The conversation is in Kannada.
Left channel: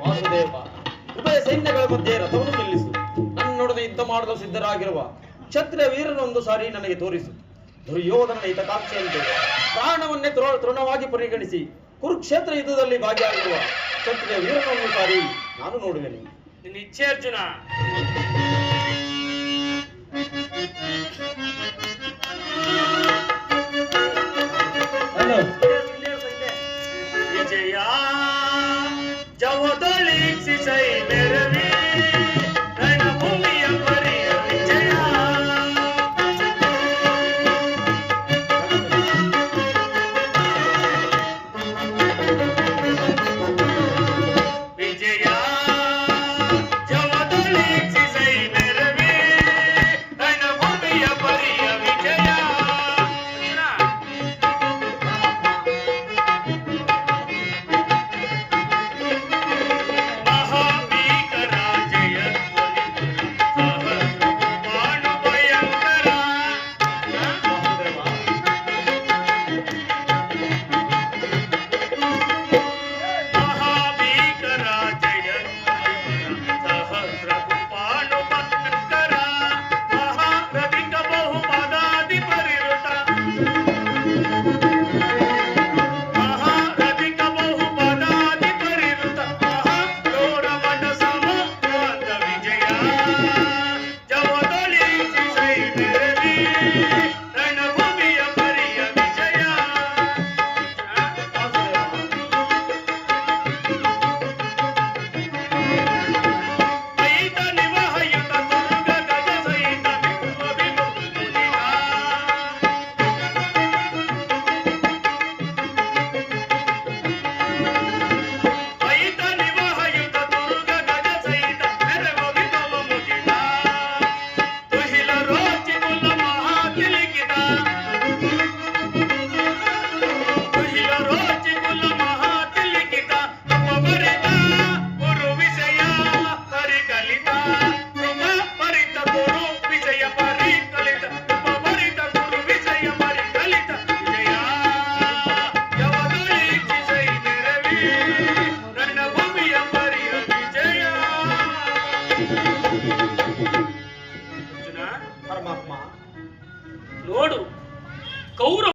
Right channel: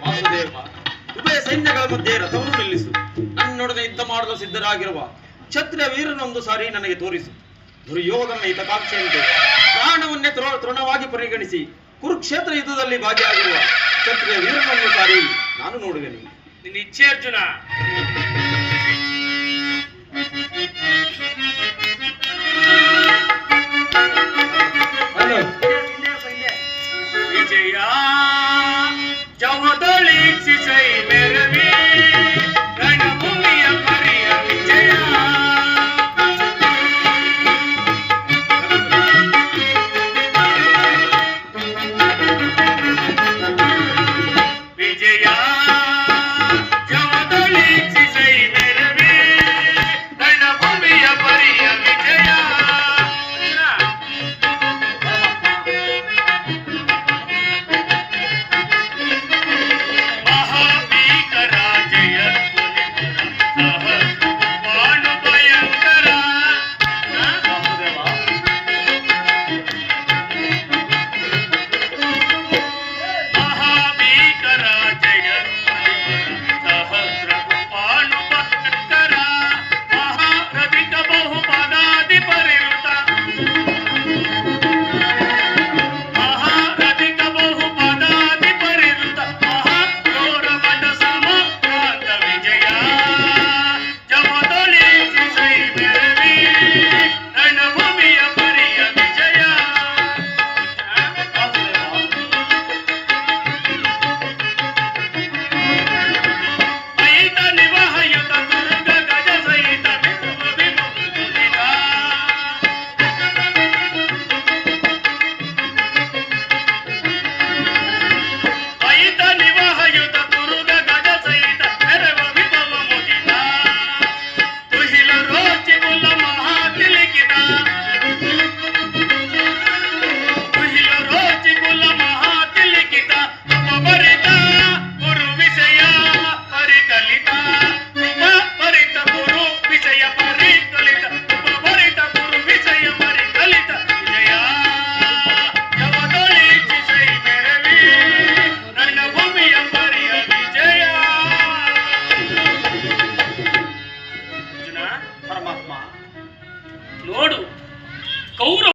ವಾಸುದೇವ, ಉಭಯ ಸೈನ್ಯಗಳ ಮಧ್ಯೆ ರಥವನ್ನು ನಿಲ್ಲಿಸು. ನನ್ನೊಡನೆ ಯುದ್ಧ ಮಾಡಲು ಸಿದ್ಧರಾಗಿರುವ ಕ್ಷತ್ರಿಯ ವೀರನೊಂದು ಸಾರಿ ನನಗೆ ತೋರಿಸು. ದುರ್ಯೋಧನ ಹಿತಕಾಂಕ್ಷೆಯಂತೆ ಪ್ರಾಣವನ್ನೇ ತೃಣವಾಗಿ ಪರಿಗಣಿಸಿ ಕುರುಕ್ಷೇತ್ರ ಯುದ್ಧದಲ್ಲಿ ಭಾಗಿಯಾಗಿರುವ ಕ್ಷತ್ರಿಯ ವೀರನೊಂದು ಸಾರಿ ನಾನು ನೋಡುವೆನು. ನಿನ್ನ ಇಚ್ಛೆ ಅರ್ಜುನ.